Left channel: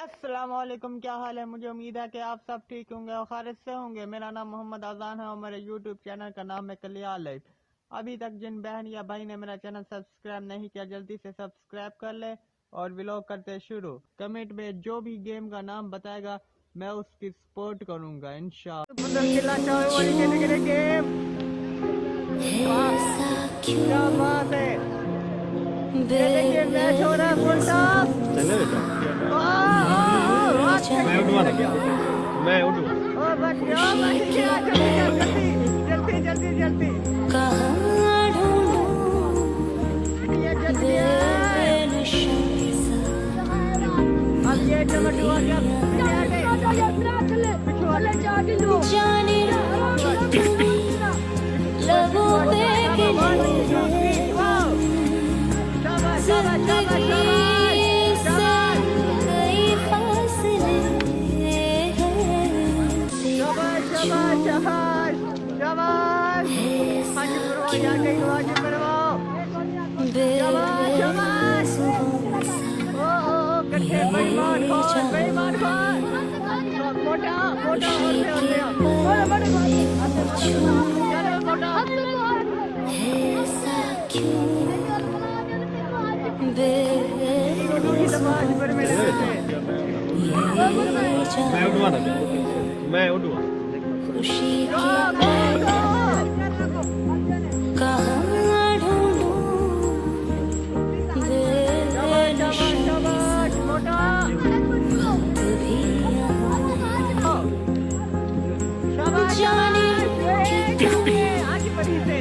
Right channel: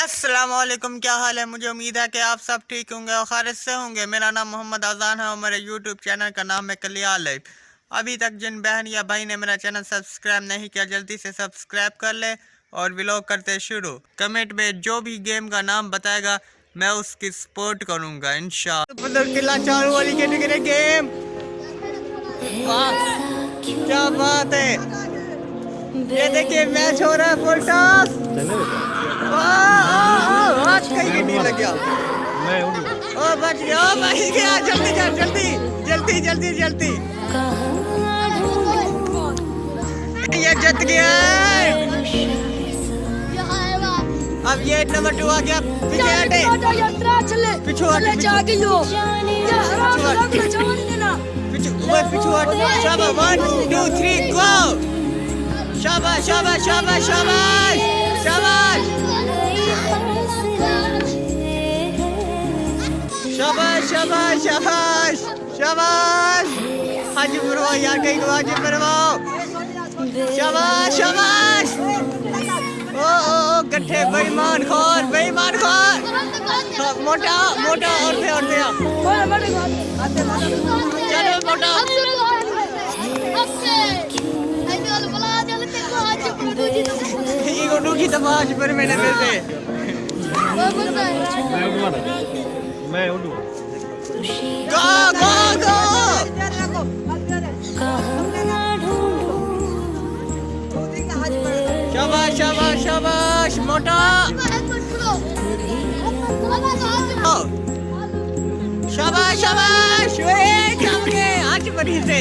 अस्सलामुअलैकुम, क्या हाल है। मुझे उम्मीद है कि आप सब ठीक होंगे और खैरियत से होंगे। मेरा नाम मोहम्मद आज़ान है और मेरे यूट्यूब चैनल का नाम है कलिया लाइफ। अभी तक जिन बहन या भाई ने मेरा चैनल सब्सक्राइब नहीं किया, जल्दी से सब्सक्राइब कर ले और व्लॉग करते शुरू। कमेंट में जो भी गेम का नाम बताएगा मैं उसकी सपोर्ट करूँगा इंशाअल्लाह। वाली कैटेगरी गेम, क्या बात है। ये देखिए मैच हो रहा है फुल टॉस। मैं उठूंगा। ओ बच गया, बच गया। जल्दी जल्दी जल्दी जल्दी जल्दी। ये जीत गया। अब ये नंबर 2 आ गया। पीछे हटे, पीछे हटे, शाबाश 1 2 3 गो। शाबाश शाबाश शाबाश शाबाश शाबाश शाबाश शाबाश शाबाश शाबाश। हाजी मरवा यार, कहीं को हाजी मरवाओ। शाबाश शाबाश। ओ गड्ढे बेईमान खोर, बेईमान खोर। मोटा मोटा और दे चलो मोटा। पर मेरे से मैं उठूंगा ना, मैं उठूंगा। शाबाश शाबाश शाबाश मोटा। शाबाश शाबाश, आज बड़ी से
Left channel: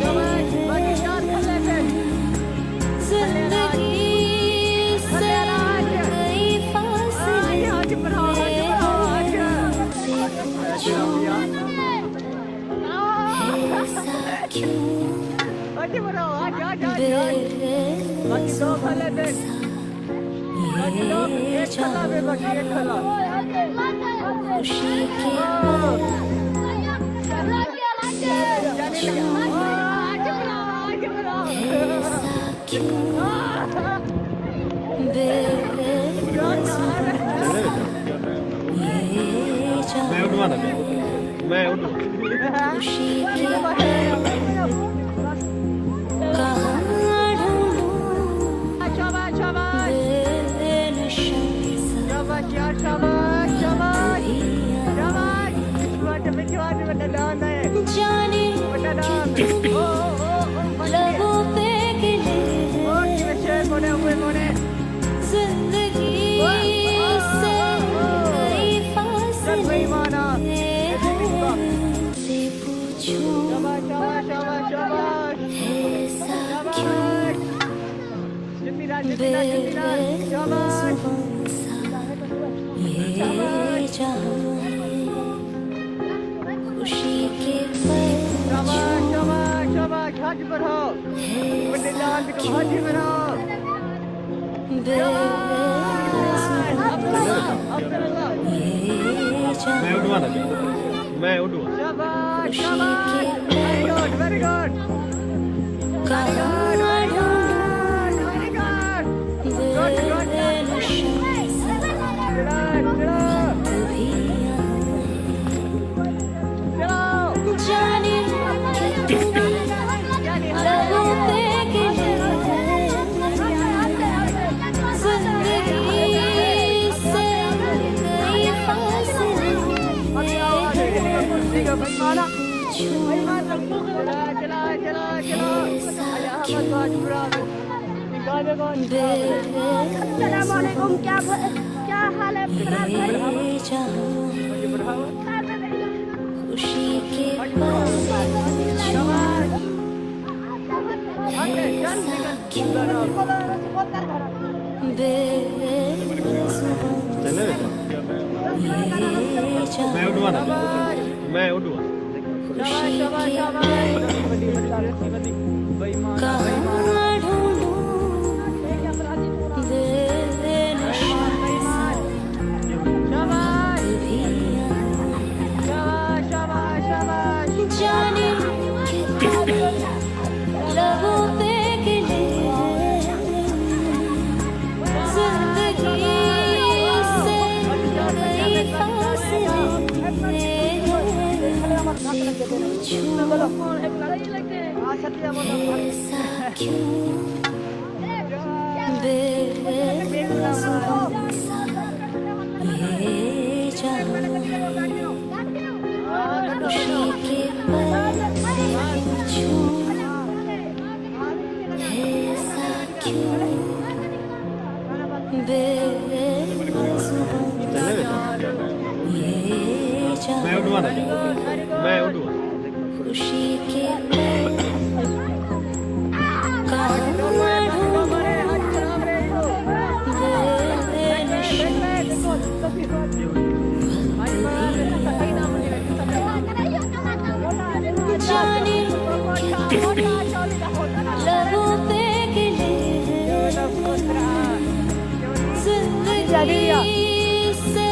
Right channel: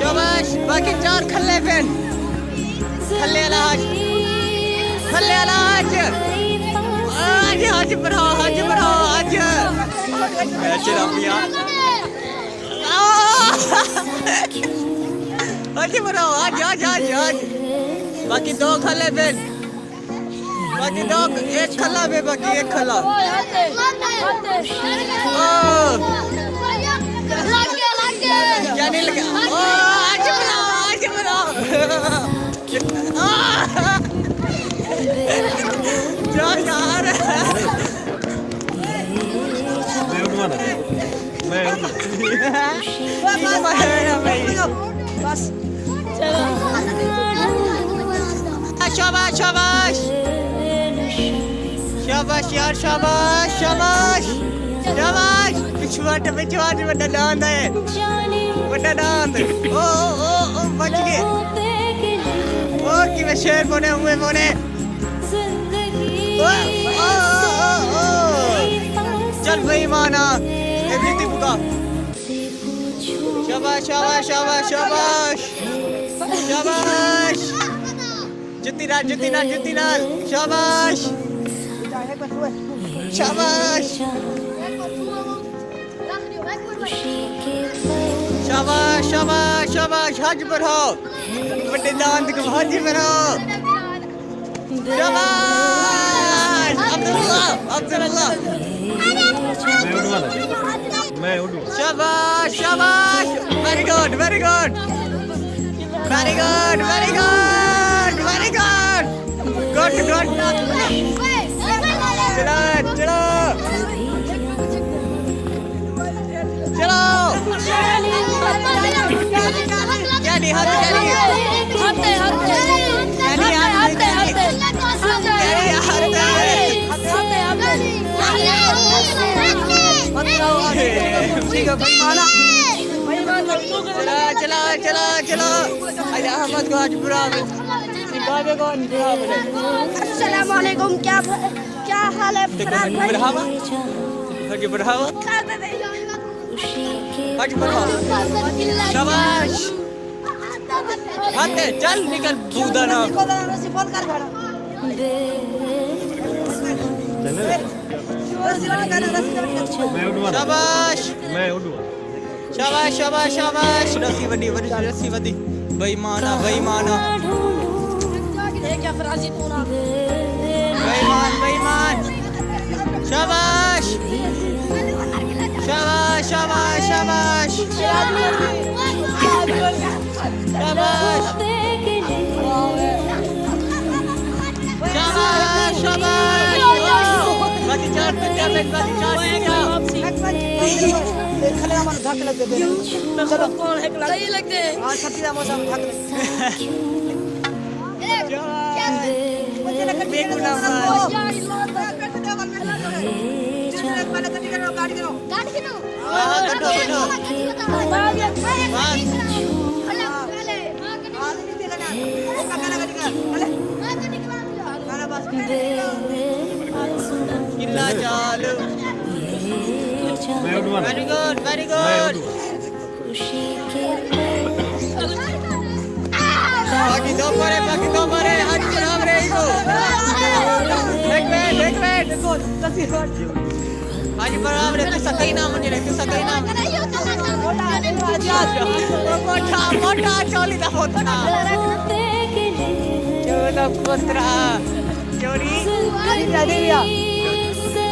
शाबाश। बाकी 4 खल्ले पे खल्ले आज आज बढ़ाओ, आज बढ़ाओ, आज आज बढ़ाओ, आज आज आज। बाकी 2 खल्ले पे, बाकी 2, 1 खल्ला पे, बाकी 1 खल्ला। मैं उठूंगा ना, मैं उठूंगा। शाबाश शाबाश शाबाश यार, शाबाश शाबाश शाबाश। पिछवाट पिछवाट बड़ा डांद है, बड़ा डांद। ओ बच गए। ओ कि शेर बने हुए बने। चल भाई माना शाबाश शाबाश शाबाश शाबाश शाबाश। जितना जितना जितना शाबाश शाबाश शाबाश शाबाश शाबाश। हज बढ़ाओ, बड़े दांत को हज बढ़ाओ। शाबाश अब्दुल्लाह अब्दुल्लाह। मैं उठूंगा ना, मैं उठूंगा। शाबाश शाबाश, very good very good very good very good very good good good. चलो चलो चला चला चला। अहमद गाजपुरा। अस्सलामुअलैकुम, क्या हाल है? बढ़ाओ शाबाश। चल निकल कूदा ना। मैं उठूंगा ना, शाबाश मैं उठूंगा। शाबाश शाबाश शाबाश। रस्सी बनी बनी, रस्सी बनी। बेईमाना बेईमाना बेईमान बेईमान। शाबाश शाबाश शाबाश शाबाश शाबाश शाबाश। सही लगते हैं मैं उठवा ना मैं उठवा खुशी के लबों पे गिले जिंदगी से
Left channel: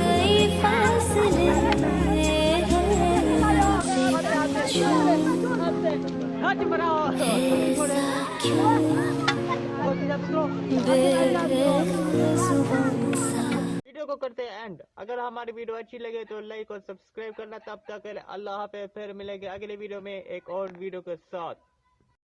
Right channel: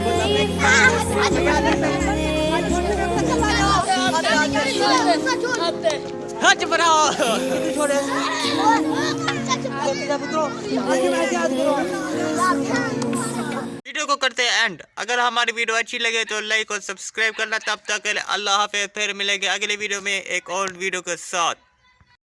कई फासले वीडियो को करते हैं एंड। अगर हमारी वीडियो अच्छी लगे तो लाइक और सब्सक्राइब करना। तब तक के लिए अल्लाह हाफिज़। फिर मिलेंगे अगले वीडियो में एक और वीडियो के साथ।